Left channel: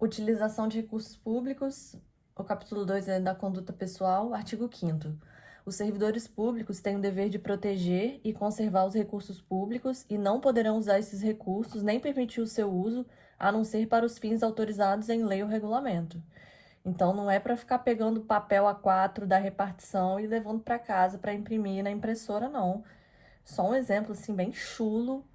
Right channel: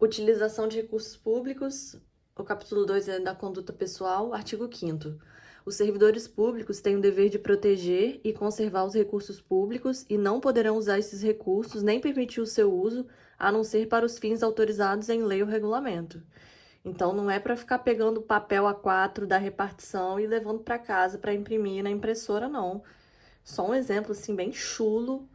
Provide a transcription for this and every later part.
Utilização de recursos públicos, o capítulo 2 é da conduta pessoal, artigo 5º. Os servidores públicos têm o dever de proteger e conservar os recursos públicos e não poderão usar esses recursos nem permitir o seu uso, a não ser para os fins autorizados em lei ou regulamento. Então, não é para ficar pegando papel A4 da repartição e levando para casa para imprimir na impressora, não. Só um exemplo, assim, bem chulo,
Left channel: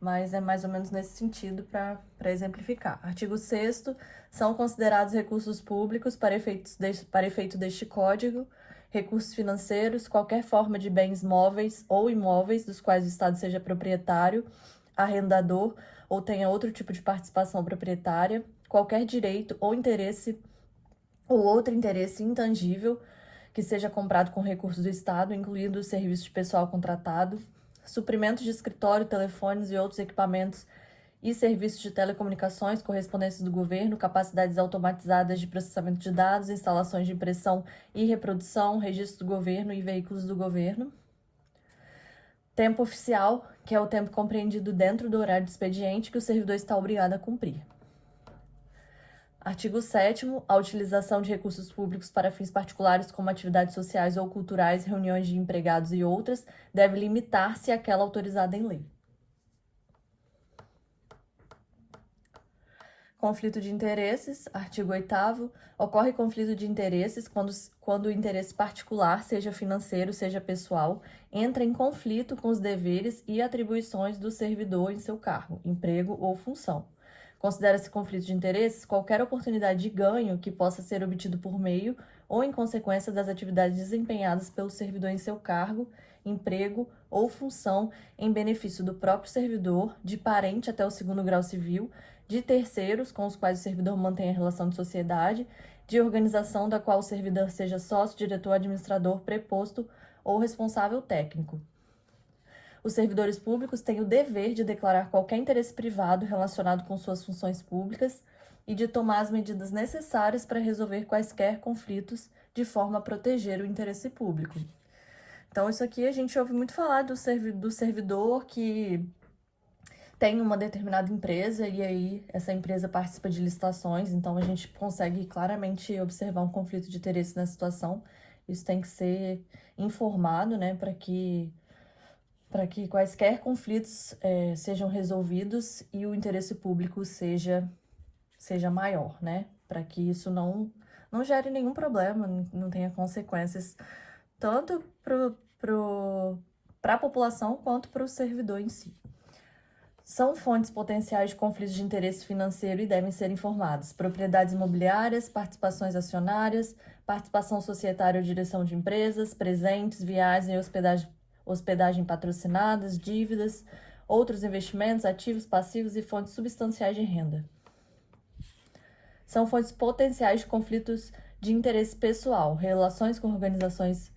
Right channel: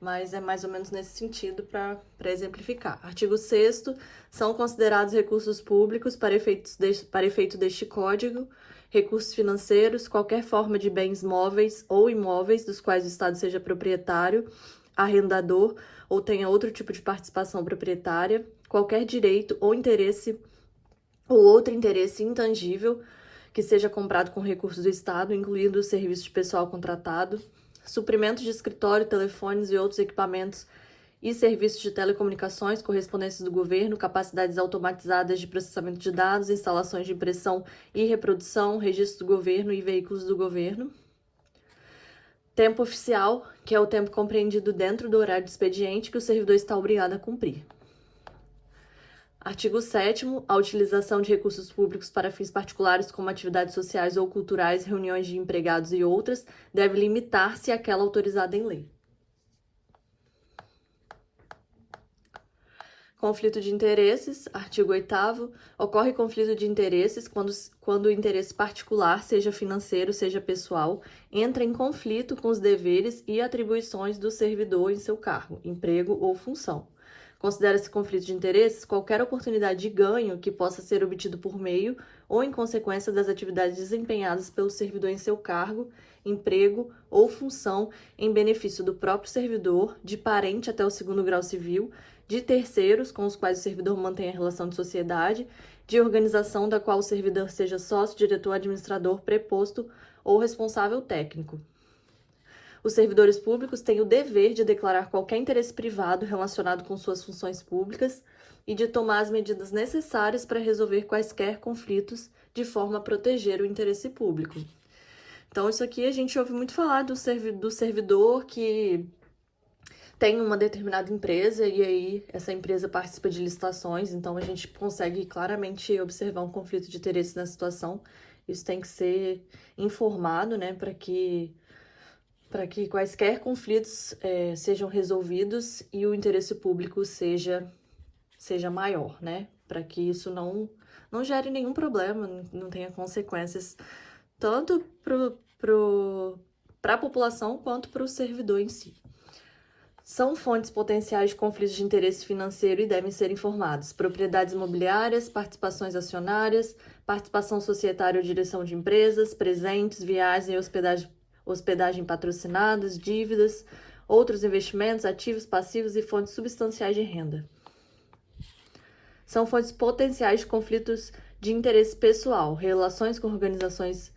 mas é mais ou menos nesse sentido para exemplificar. Artigo 6º, são considerados recursos públicos para efeito deste Código, recursos financeiros, qualquer forma de bens móveis ou imóveis dos quais o Estado seja proprietário, arrendador ou tenha outro tipo de participação proprietária, qualquer direito ou interesse ou outro interesse intangível que seja comprado com recursos do Estado, incluindo o serviço de pessoal contratado, suprimentos de escritório, telefones e outros equipamentos e serviços de telecomunicações, correspondências do governo, capacidades automatizadas de processamento de dados, instalações de impressão e reprodução, registro do governo e veículos do governo. Tempo oficial, que é o tempo compreendido dentro do horário de expediente que o servidor está obrigado a cumprir. Artigo 7º, a utilização de recursos públicos para fins particulares como atividades sociais ou culturais, reuniões de empregados e outras, deve limitar-se àquela autorizada em lei. Conflito de interesses, artigo 8º, ocorre conflito de interesses quando o interesse particular, seja financeiro, seja pessoal, entra em conflito com os deveres e atribuições do servidor em seu cargo, emprego ou função. Considera-se conflito de interesses qualquer oportunidade de ganho que possa ser obtido por meio ou em consequência das atividades desempenhadas pelo servidor em seu cargo, emprego ou função em benefício do próprio servidor, de parente até o 2º grau civil, de terceiros com os quais o servidor mantém a relação de sociedade, de organização da qual o servidor seja sócio, diretor, administrador, preposto ou responsável técnico. Os servidores públicos têm o dever de declarar qualquer interesse privado relacionado com suas funções públicas e de tomar as medidas necessárias para resolver quaisquer conflitos de forma a proteger o interesse público. Então, isso aqui a gente ouve muito falar do servidor que tem uma determinada empresa e aí essa empresa participa de licitações, então a gente consegue claramente observar um conflito de interesse na situação. Isso tem que ser informado, né, para que quaisquer conflitos sejam resolvidos e o interesse público seja maior, né? Para que isso não gere nenhum problema, não tenha consequências tanto para a população quanto para o servidor em si. São fontes potenciais de conflitos de interesse financeiro e devem ser informados. Propriedades imobiliárias, participações acionárias, participação societária ou direção de empresas, presentes, viagens e hospedagem patrocinadas, dívidas, outros investimentos, ativos, passivos e fontes substanciais de renda. São fontes potenciais de conflitos de interesse pessoal, relações com organizações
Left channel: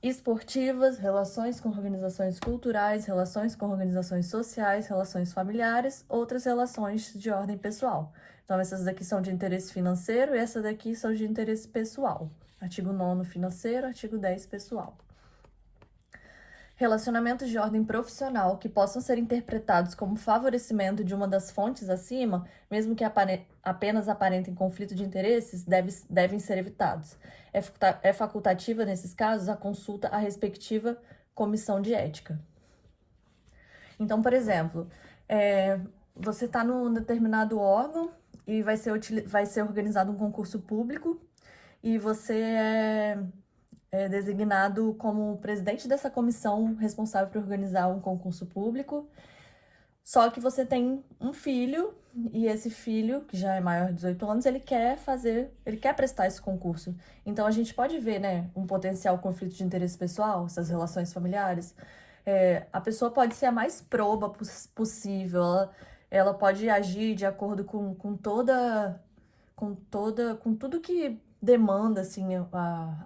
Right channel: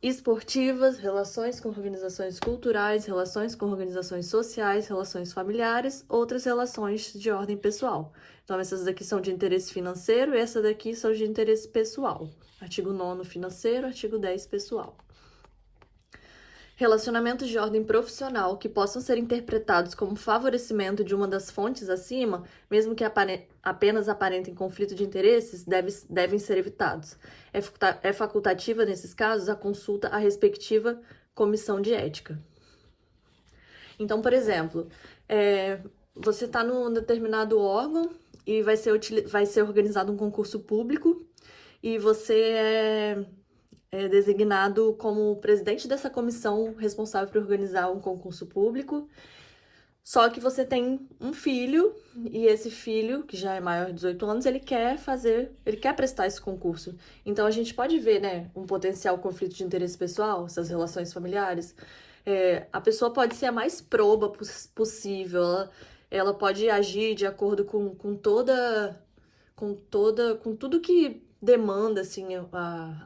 esportivas, relações com organizações culturais, relações com organizações sociais, relações familiares, outras relações de ordem pessoal. Então, essas daqui são de interesse financeiro e essas daqui são de interesse pessoal. Artigo 9º financeiro, artigo 10 pessoal. Relacionamentos de ordem profissional que possam ser interpretados como favorecimento de uma das fontes acima, mesmo que apenas aparentem conflito de interesses, devem ser evitados. É facultativa, nesses casos, a consulta à respectiva comissão de ética. Então, por exemplo, você está num determinado órgão e vai ser organizado um concurso público e você é designado como presidente dessa comissão responsável por organizar um concurso público. Só que você tem um filho, e esse filho, que já é maior de 18 anos, ele quer prestar esse concurso. Então, a gente pode ver, né, um potencial conflito de interesse pessoal, essas relações familiares. A pessoa pode ser a mais proba possível, ela pode agir de acordo com tudo que demanda, assim,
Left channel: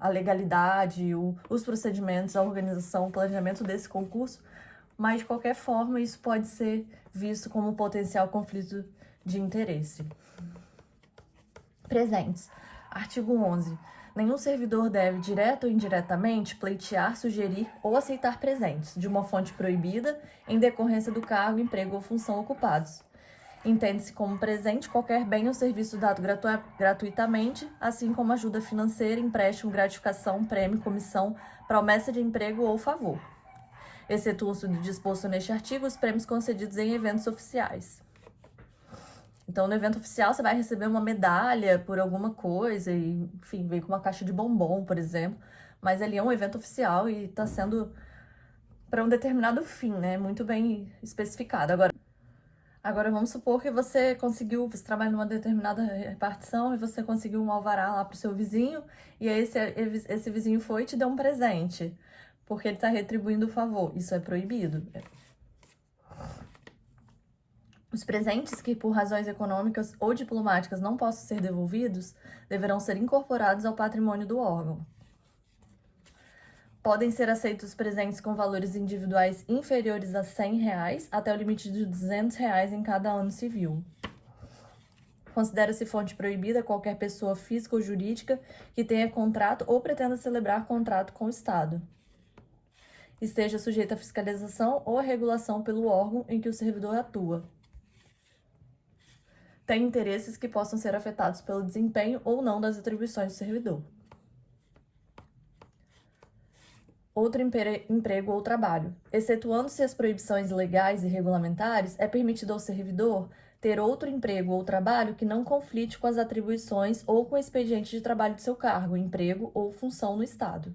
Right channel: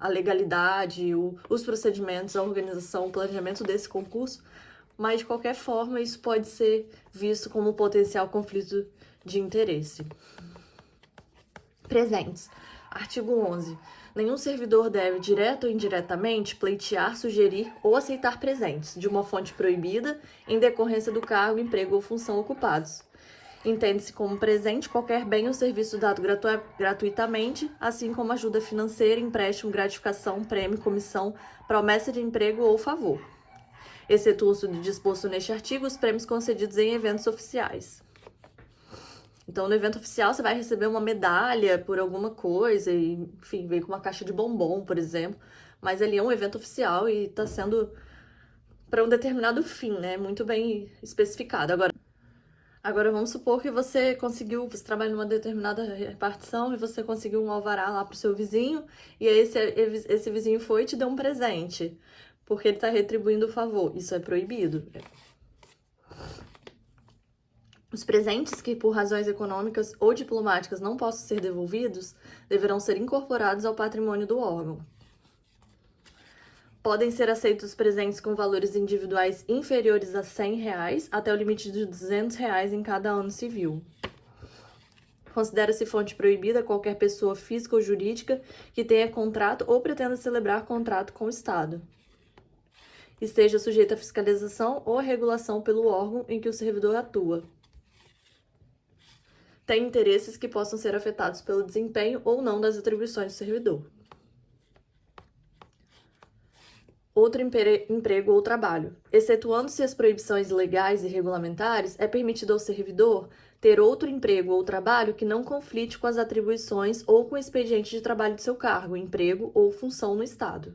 a legalidade, os procedimentos, a organização, o planejamento desse concurso, mas, de qualquer forma, isso pode ser visto como um potencial conflito de interesse. Presentes. Artigo 11. Nenhum servidor deve, direto ou indiretamente, pleitear, sugerir ou aceitar presentes de uma fonte proibida em decorrência do cargo, emprego ou função ocupados. Entende-se como presente qualquer bem ou serviço dado gratuitamente, assim como ajuda financeira, empréstimo, gratificação, prêmio, comissão, promessa de emprego ou favor. Excetuam-se do disposto neste artigo os prêmios concedidos em eventos oficiais. Então, no evento oficial, você vai receber uma medalha por alguma coisa, e, enfim, vem com uma caixa de bombom, por exemplo. Mas ali é um evento oficial e está sendo para um determinado fim, né? Muito bem especificado. Agora vamos supor que você trabalha numa determinada repartição e você conseguiu um alvará lá pro seu vizinho, e aí esse vizinho foi e te deu um presente, porque ele está retribuindo o favor. Isso é proibido. Os presentes que, por razões econômicas ou diplomáticas, não possam ser devolvidos, deverão ser incorporados ao patrimônio do órgão. Podem ser aceitos presentes com valores individuais inferiores a R$100 até o limite de R$200 em cada ano civil. Considera-se fonte proibida qualquer pessoa física ou jurídica que tenha contrato ou pretenda celebrar contrato com o Estado. Esteja sujeita a fiscalização ou regulação pelo órgão em que o servidor atua. Tem interesses que possam ser afetados pelo desempenho ou não das atribuições do servidor. Outro emprego ou trabalho. Excetuando-se as proibições legais e regulamentares, é permitido ao servidor ter outro emprego ou trabalho que não conflite com as atribuições ou com o expediente de trabalho de seu cargo, emprego ou função no Estado.